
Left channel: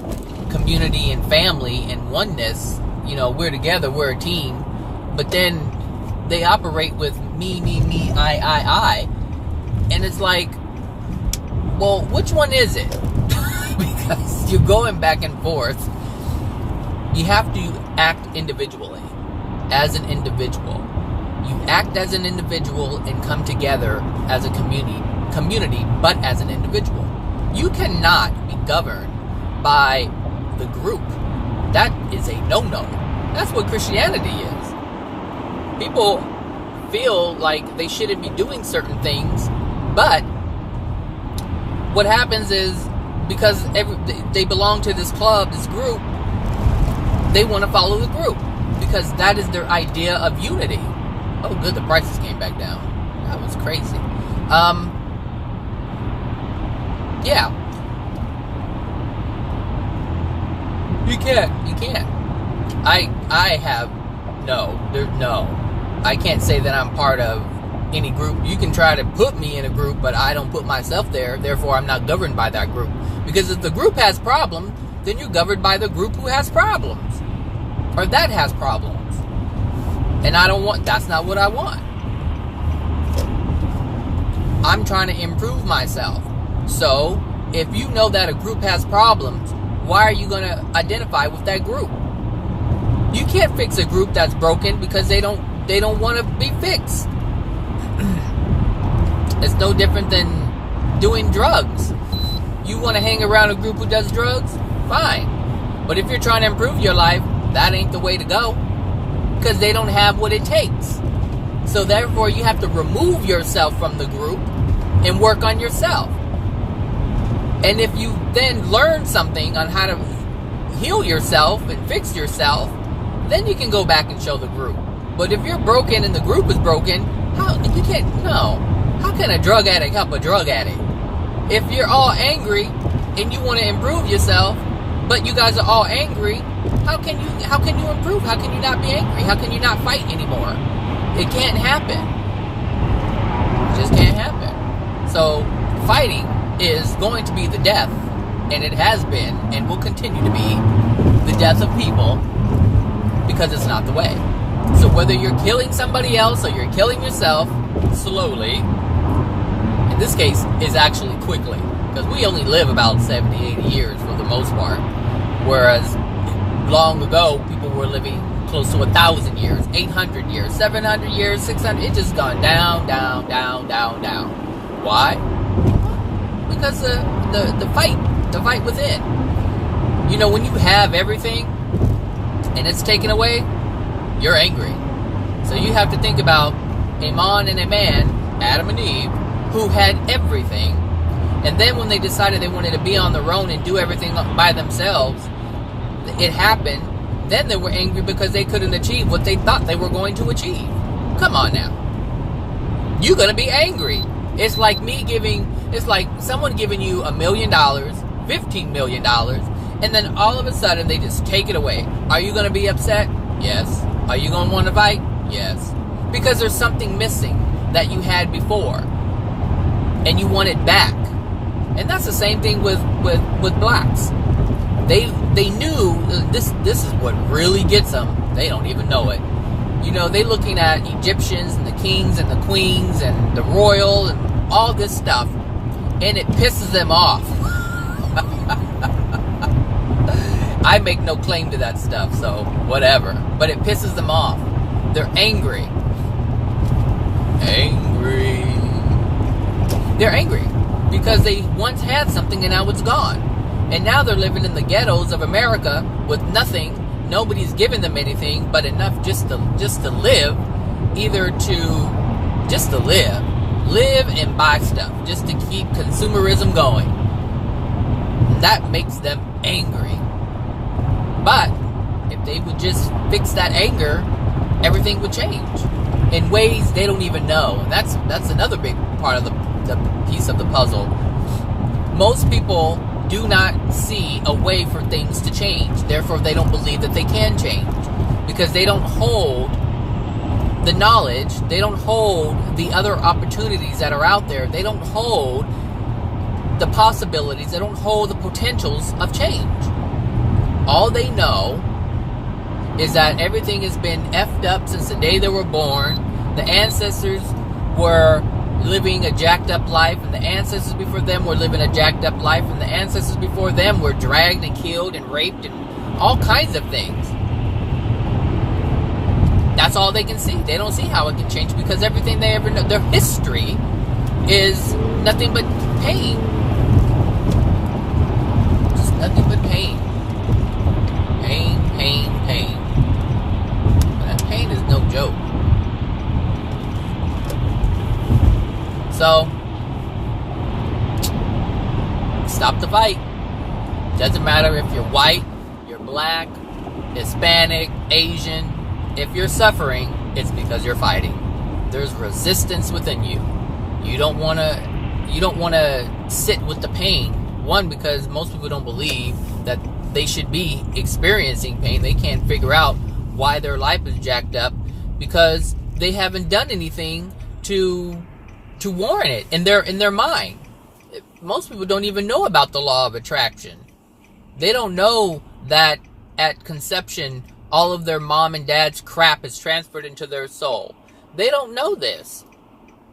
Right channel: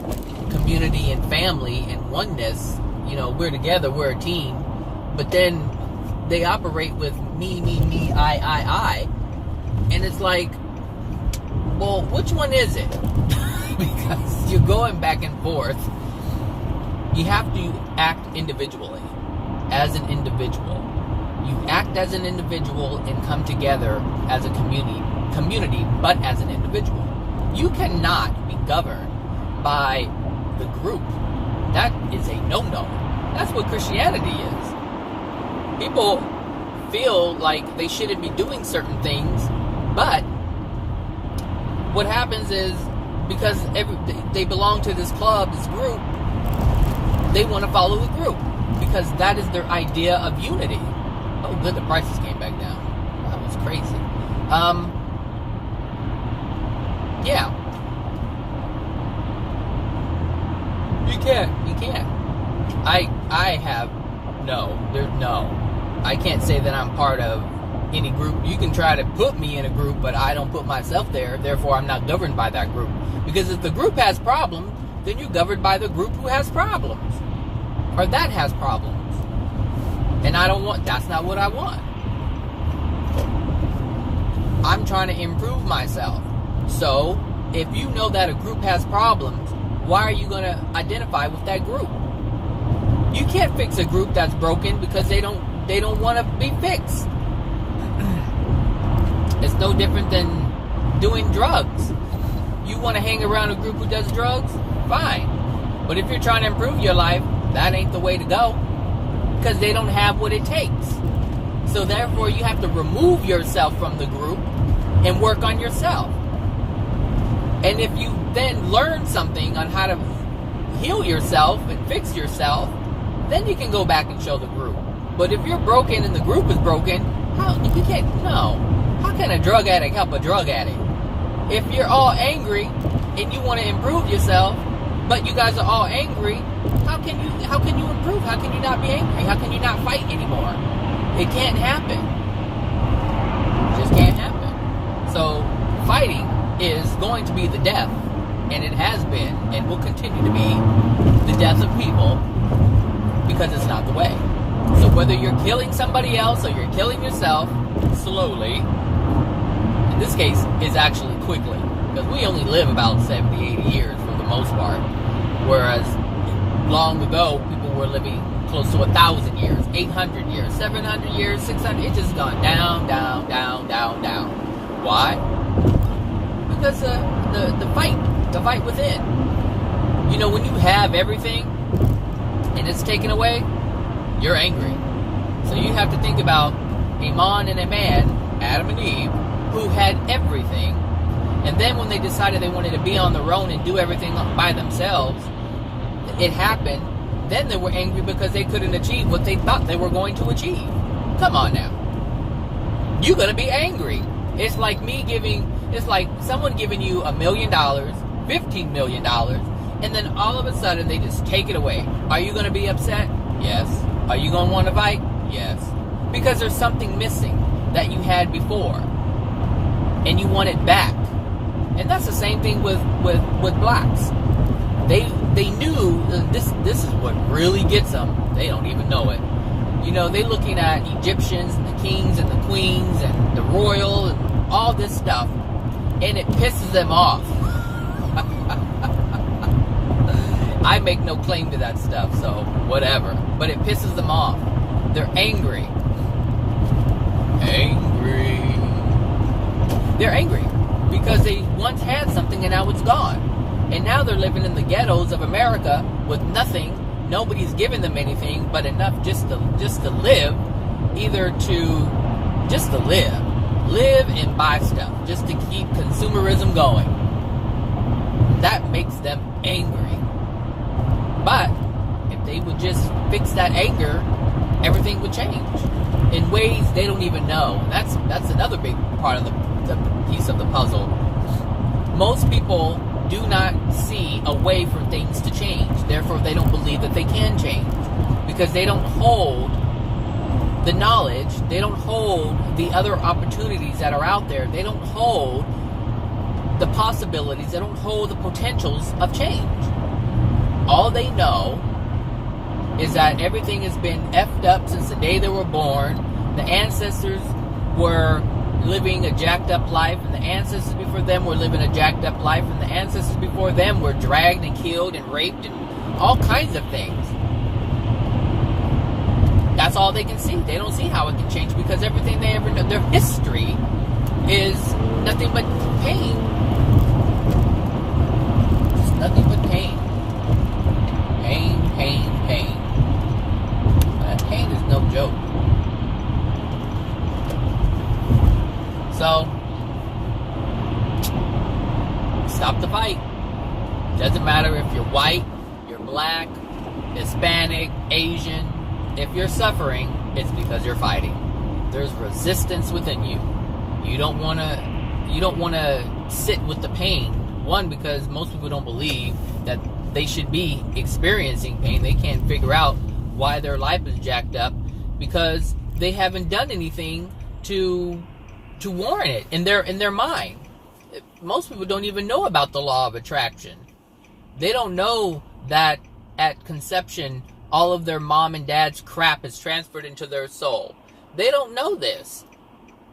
community and family and oneness. We're together, we're a team. But then they operate with me, I. And it's like, well, which one is it? Because you're going back and forth. You have to act individually, as an individual. You act as an individual and come together as a community, but as an individual. You cannot be governed by the group. That is a no-no. That's what Christianity is. People feel like they shouldn't be doing certain things, but what happens is because they belong to this club, this group, they want to follow the group because that is their idea of unity. Oh, good, the prices came back down. That was crazy. Yeah. You can't. I can't say that I'm part of any group. You can try to put me in a group, but I don't put myself there. Therefore, I'm not governed by that group. Because if the group has problems, then you're governed by the group who has problems. Or that has problems. And that's not what I want. I'm trying to improve myself. So, if you know that a group has problems, why are you going to identify with that group? You can't fix a group that's broken because they don't want to be fixed. It's no different than doing drugs. You want to hang around a group who does drugs? Fine. But if you're trying to improve your life, that ain't the way to go. Because they don't have what it takes. So therefore, you have to remove yourself from the group and work on yourself. And if you then learn something on how to heal yourself and fix yourself, then you can go back and show the group. But if you're broken and the group is broken, how can a drug addict help a drug addict? If you're all angry and you want to improve yourself, but you guys are all angry, how can you improve? How can you not be angry? How can you not fight anymore? It can't happen. It just can't happen. So fighting is going to be the death, and it has been and will continue to be the death of people, because it's not the way. So whether you're killing somebody else or you're killing yourself slowly, in this case is actually quickly, because we only live about 70, 80 years for the most part, whereas long ago people were living close to 1,000 years, 800 years, 700 years, 600. It's just gone down, down, down, down, down. Why? Because the fight within. You know, when you have everything and it's taken away, you're angry. So you have to think about a man and a man, Adam and Eve, who had everything, and then when they decided they wanted to be on their own and do everything by themselves, it happened. Then they were angry because they couldn't achieve what they thought they were going to achieve. Come on now. You're going to be angry. It's like someone giving you $1 million, $15 million, and then all of a sudden they just take it away. Are you going to be upset? Yes. Are you going to want to fight? Yes. Because there's something missing that you had before, and you want it back. And that's the same thing with blacks. They knew this is what really gets them. They don't even know it. You know, they looking at Egyptians and the kings and the queens and the royal and all this stuff, and it pisses them off. I make no claim to that stuff, so whatever. But it pisses them off. They're angry. They're angry because they once had something and now it's gone. And now they're living in the ghettos of America with nothing. Nobody's giving them anything but enough just to live, just to live and buy stuff, just to keep consumerism going. That makes them angry. But if they would just fix that anger, everything would change in ways they don't even know. That's another big part of the piece of the puzzle. Most people do not see a way for things to change. Therefore, they don't believe that they can change, because they don't hold the knowledge, they don't hold the other opportunities that are out there, they don't hold the possibilities, they don't hold the potentials of change. All they know is that everything has been effed up since the day they were born. The ancestors were living a jacked up life, and the ancestors before them were living a jacked up life, and the ancestors before them were dragged and killed and raped and all kinds of things. That's all they can see. They don't see how it can change, because everything they ever know, their history is nothing but pain. Just nothing but pain. Pain, pain, pain. That pain is no joke. So, stop the fight. Doesn't matter if you're white, you're black, Hispanic, Asian. If you're suffering, it's because you're fighting. There's resistance within you. You don't want to sit with the pain. One, because most people don't believe that they should be experiencing pain. They can't figure out why their life is jacked up, because they haven't done anything to warrant it in their mind. Most people don't even know about the law of attraction. They don't know that at conception, all of their mom and dad's crap is transferred into their soul. They don't know this.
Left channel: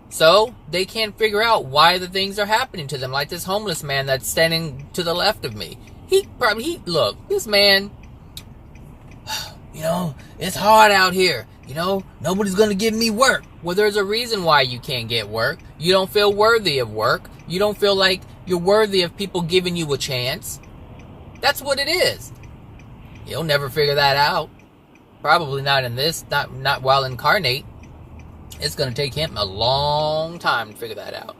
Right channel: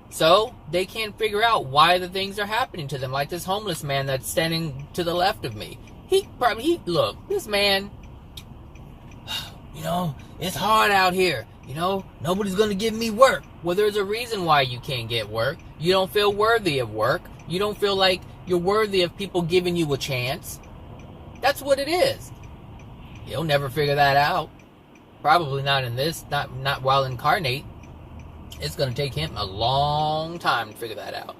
So they can't figure out why the things are happening to them. Like this homeless man that's standing to the left of me. Look, this man, it's hard out here. Nobody's going to give me work. Well, there's a reason why you can't get work. You don't feel worthy of work. You don't feel like you're worthy of people giving you a chance. That's what it is. You'll never figure that out. Probably not in this, not while incarnate. It's going to take him a long time to figure that out.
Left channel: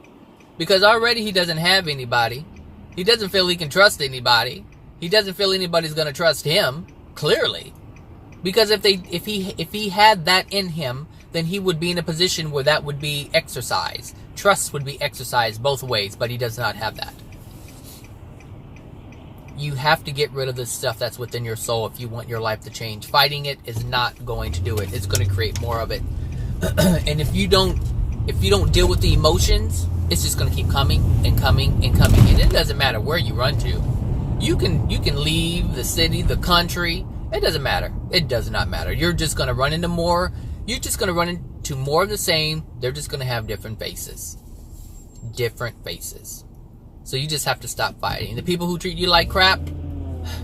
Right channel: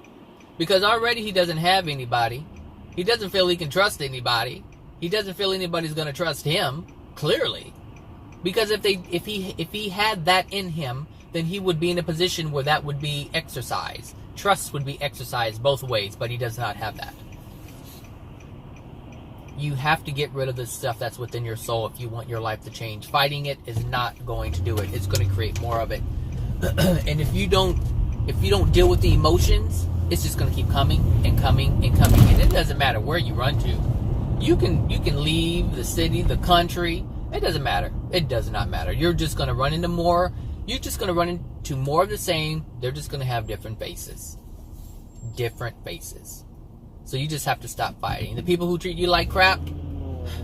Because already he doesn't have anybody. He doesn't feel he can trust anybody. He doesn't feel anybody's going to trust him, clearly. Because if he had that in him, then he would be in a position where that would be exercised. Trust would be exercised both ways, but he does not have that. You have to get rid of the stuff that's within your soul if you want your life to change. Fighting it is not going to do it. It's going to create more of it. And if you don't deal with the emotions, it's just going to keep coming and coming and coming. And it doesn't matter where you run to. You can leave the city, the country. It doesn't matter. It does not matter. You're just going to run into more. You're just going to run into more of the same. They're just going to have different faces. Different faces. So you just have to stop fighting. The people who treat you like crap,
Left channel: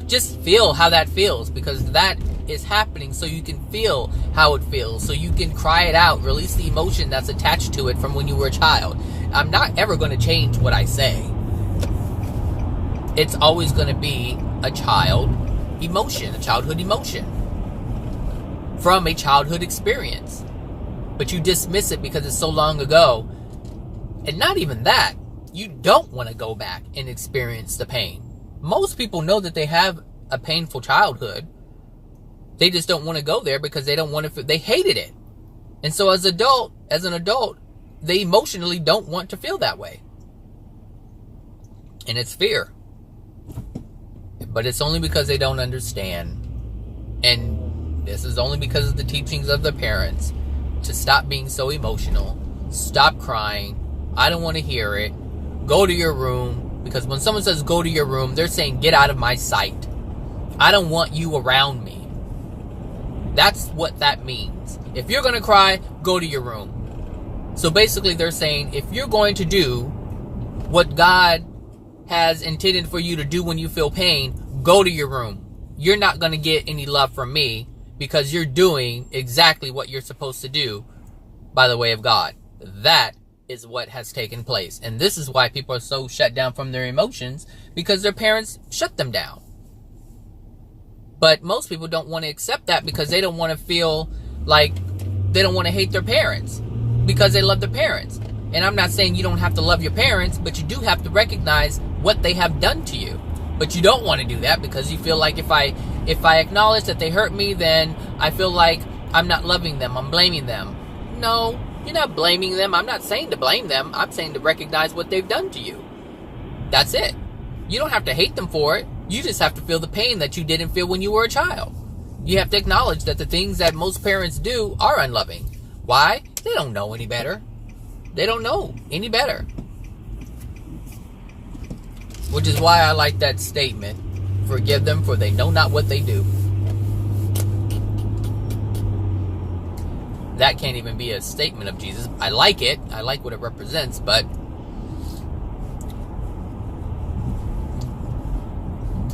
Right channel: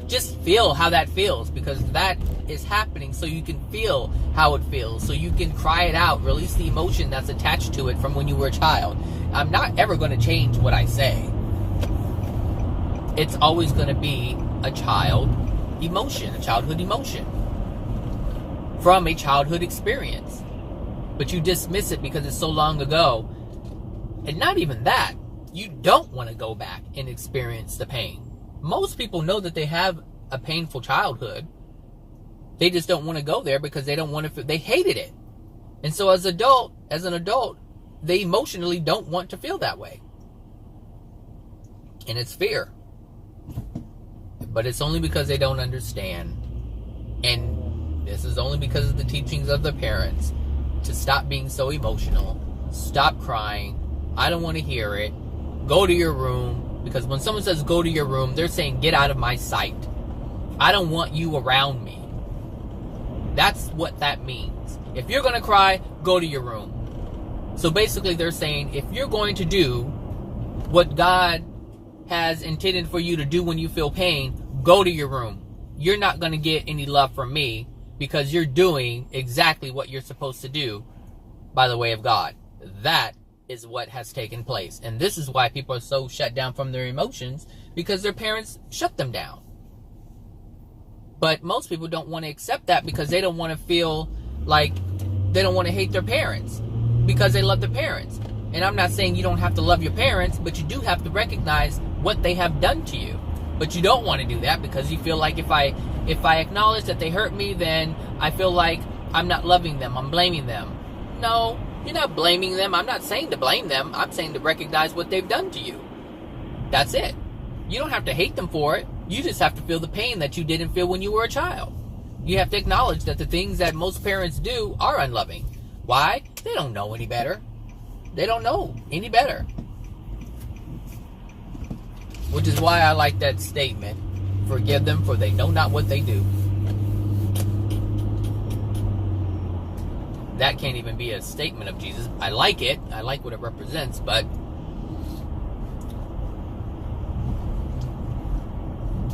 just feel how that feels, because that is happening so you can feel how it feels, so you can cry it out, release the emotion that's attached to it from when you were a child. I'm not ever going to change what I say. It's always going to be a childhood emotion from a childhood experience. But you dismiss it because it's so long ago. And not even that. You don't want to go back and experience the pain. Most people know that they have a painful childhood. They just don't want to go there because they don't want to. They hated it, and so as an adult, they emotionally don't want to feel that way. And it's fear, but it's only because they don't understand. And this is only because of the teachings of their parents to stop being so emotional, stop crying. I don't want to hear it. Go to your room. Because when someone says go to your room, they're saying get out of my sight. I don't want you around me. That's what that means. If you're going to cry, go to your room. So basically they're saying if you're going to do what God has intended for you to do when you feel pain, go to your room. You're not going to get any love from me because you're doing exactly what you're supposed to do by the way of God. That is what has taken place. And this is why people are so shut down from their emotions, because their parents shut them down. But most people don't want to accept that because they don't want to feel like they don't want to hate their parents because they love their parents. And I'm not saying you don't have to love your parents, but you do have to recognize what they have done to you. But you don't want to do that because you feel like if I acknowledge that they hurt me, then I feel like I'm not loving them, I'm blaming them. No, you're not blaming them. I'm not saying to blame them. I'm saying to recognize what they've done to you. That's it. You don't have to hate them for it. You just have to feel the pain that you didn't feel when you were a child. You have to acknowledge that the things that most parents do are unloving. Why? They don't know any better. They don't know any better. Which is why I like that statement. Forgive them, for they know not what they do. That can't even be a statement of Jesus. I like it. I like what it represents, but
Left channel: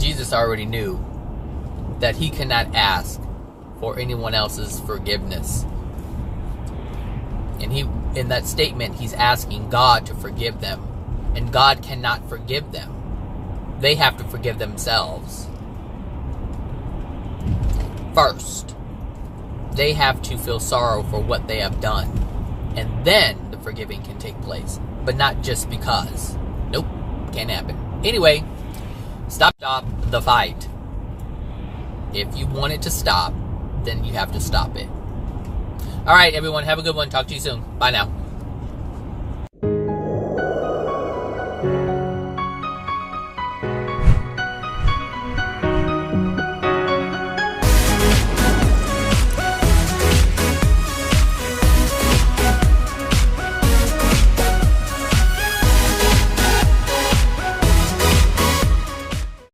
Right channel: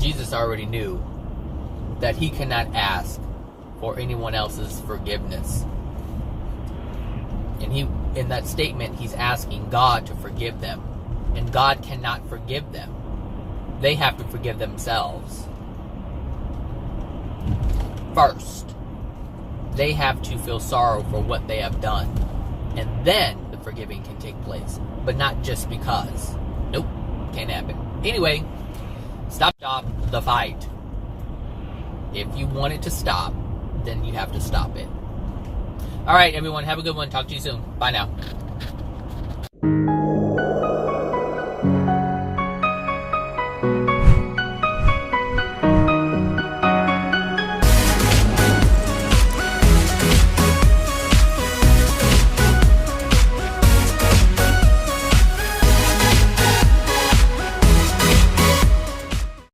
Jesus already knew that he cannot ask for anyone else's forgiveness. And in that statement, he's asking God to forgive them. And God cannot forgive them. They have to forgive themselves first. They have to feel sorrow for what they have done. And then the forgiving can take place. But not just because. Nope. Can't happen. Anyway, stop the fight. If you want it to stop, then you have to stop it. Alright, everyone. Have a good one. Talk to you soon. Bye now.